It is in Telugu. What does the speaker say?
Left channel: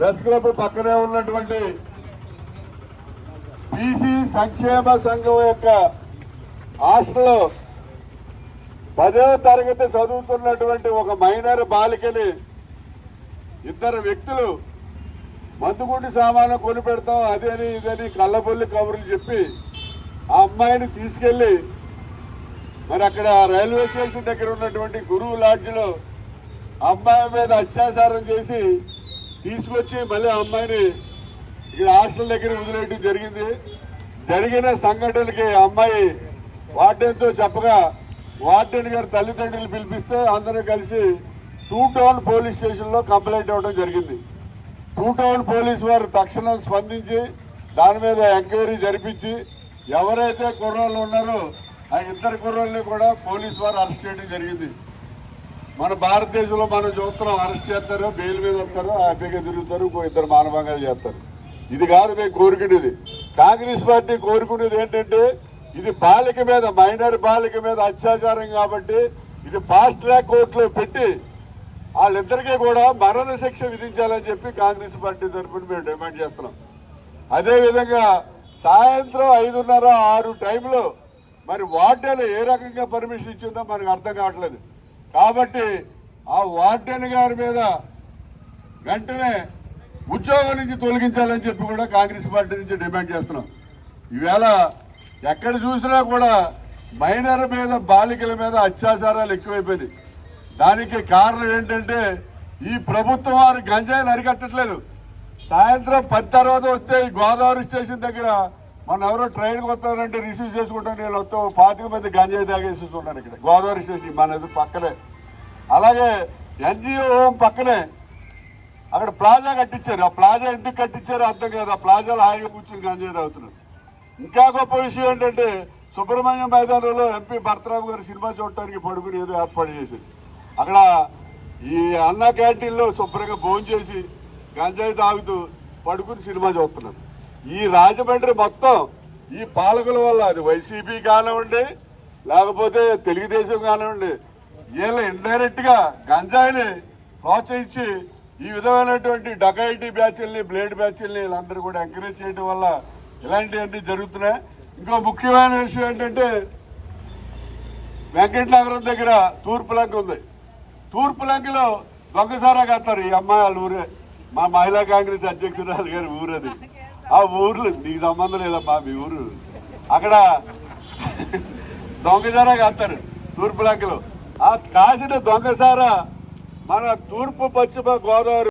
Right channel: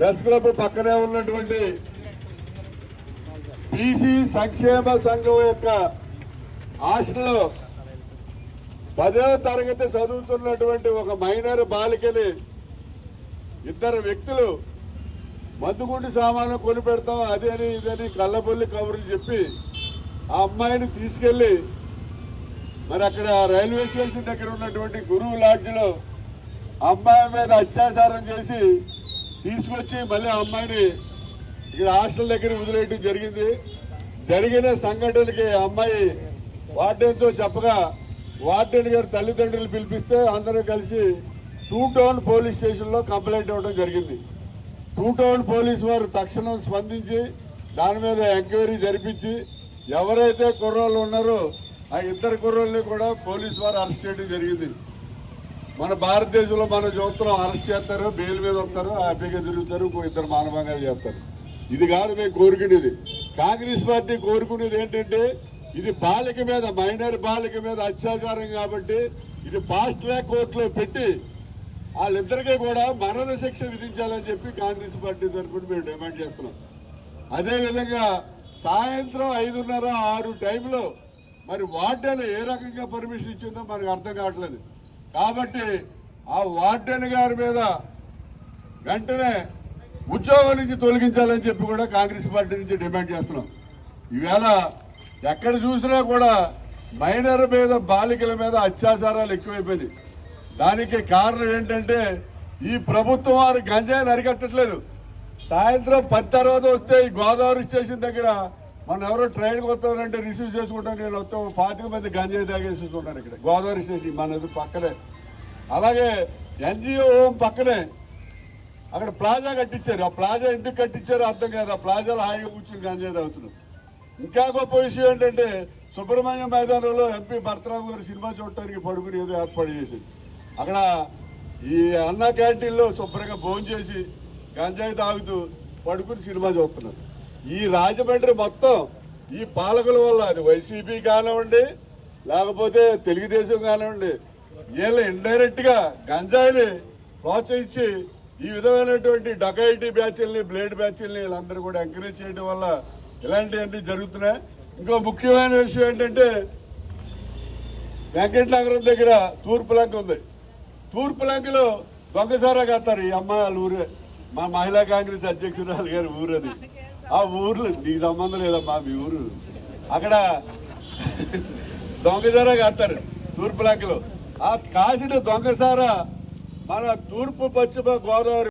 ప్రెస్ క్లబ్ పక్కనే ఉన్నటువంటి బీసీ సంక్షేమ సంఘం యొక్క హాస్టల్లో పదవ తరగతి చదువుతున్నటువంటి ఒక మైనర్ బాలికని ఇద్దరు వ్యక్తులు మందుగుండి సామాను కొని పెడతాం అదేని ఇదని కళ్ళబొల్లి కబుర్లు చెప్పి ఆ అమ్మాయిని తీసుకెళ్ళి మరి అక్కడ రైల్వే స్టేషన్ దగ్గర ఉన్నటువంటి గురువు లాడ్జ్లో అమ్మాయి మీద అత్యాచారం చేసి తీసుకొచ్చి మళ్ళీ అమ్మాయిని ఇక్కడ హాస్టల్ దగ్గర వదిలేయడం జరిగింది. జరిగిన సంఘటనకి అమ్మాయి వార్డెన్తో చెప్పగా వార్డెన్ గారి తల్లిదండ్రులు పిలిపిస్తే అందరూ కలిసి టూ టౌన్ పోలీస్ స్టేషన్లో కంప్లైంట్ ఇవ్వడం జరిగింది. టూ టౌన్ పోలీస్ వారు తక్షణం స్పందించి దాని మీద ఎంక్వైరీ జరిపించి ఎవరైతే కుర్రాళ్ళు ఉన్నారో ఆ ఇద్దరు కుర్రాళ్ళని కూడా పోలీస్ వారు అరెస్ట్ చేయడం జరిగింది. మన భారతదేశంలో మనం చూస్తున్నాం అరెస్ట్ చేస్తారు బెయిల్ మీద ఉంటారు హ్యాపీగా తిరుగుతారు ఇద్దరు మానవంగా చేస్తారు. ఇది కాదు మేము కోరుకునేది. కాంగ్రెస్ పార్టీ కోరుకునేది ఏంటంటే ఇది బాలిక మీద మైనర్ బాలిక మీద అత్యాచారం కాబట్టి ఇది ఫాస్ట్ ట్రాక్ కోర్టులో పెట్టి వాళ్ళిద్దరికీ కూడా మరణ శిక్ష విధించాలని చెప్పి కాంగ్రెస్ పార్టీ తరఫున మేము డిమాండ్ చేస్తున్నాం. అదేవిధంగా సాయంత్రం ఐదున్నర ఆరు టైంలో మరి వార్డెన్ ఏ రకంగా పర్మిషన్ ఇచ్చిందో మనకు అర్థం కావట్లేదు. కాబట్టి ఆ వార్డెన్ గారి మీద వెంటనే ఉద్యోగం నుంచి తొలగించాలని చెప్పి కూడా కాంగ్రెస్ పార్టీ నుంచి డిమాండ్ చేస్తున్నాం. ఈవేళ ఎక్కడ చూసినా కూడా మైనర్ మీద బాలికల మీద అత్యాచారాలు ఎక్కువైపోయినాయి. దానికి కారణం ఏంటంటే ఈ ప్రభుత్వం వారు గంజాయిని అరికట్టట్లేదు సాయంత్రం పది తర్వాత వస్తే ఈ గోదావరి స్టేషన్ దగ్గర మొన్న ఎవరో ట్రైన్కి వస్తారంటే రిసీవ్ చేసుకుంటాను నేను వస్తాం పాతిక మంది గంజాయి తాగేసేస్తున్నాను ఇక్కడ. గోదావరి స్టేషన్ మన ఎదురు పక్కనే. అలాగే ఎన్జిఓ హోమ్ పక్కనే. అక్కడ ప్లాజా కట్టించారు. ఆ ప్లాజా ఎందుకు కట్టించారో అర్థం కాదు. ఆ ప్లాజాలో హాయిగా కూర్చుని గంజాయి తాగుతున్నారు. ఇంకా గొప్ప విషయం ఏంటంటే సుబ్రహ్మణ్యం మైదానంలో ఎంపీ భర్తరావు గారు సినిమా చూడటానికి పడుకుని ఏదో ఏర్పాటు చేసింది అక్కడ ఈ అన్న క్యాంటీన్లో శుభ్రంగా భోజనం చేసి గంజాయి తాగుతూ పడుకుని సినిమా చూస్తున్నారు. ఈ రాజమండ్రి మొత్తం ఈ పాలకుల వల్ల అది వైసీపీ కానివ్వండి లేకపోతే తెలుగుదేశం కానివ్వండి వీళ్ళు ఇండైరెక్ట్గా గంజాయిని ప్రోత్సహించి ఈ విధమైనటువంటి డకైటీ బ్యాచ్ల్ని బ్లేడ్ బ్యాచ్ల్ని వీళ్ళందరూ కూడా ఎంకరేజ్ చేయడం వల్ల ఇలాంటివన్నీ జరుగుతున్నాయి. ఇంకో ముఖ్యమైన విషయం ఏంటంటే వెంకటనగరం దగ్గర తూర్పు లంక ఉంది. తూర్పు లంకలో దొంగసారా కడతారు ఈ అమ్మాయి వాళ్ళ ఊరే. మా మహిళా కాంగ్రెస్ అధ్యక్షురాలు గారి ఊరది. ఆ ఊర్లో నీకు సంబంధం లేదమ్మా మీ ఊరు. అక్కడ దొంగజారా కాస్తారు తూర్పు లంకలో. ఆ కాసిన దొంగసారా మన తూర్పు పశ్చిమ గోదావరి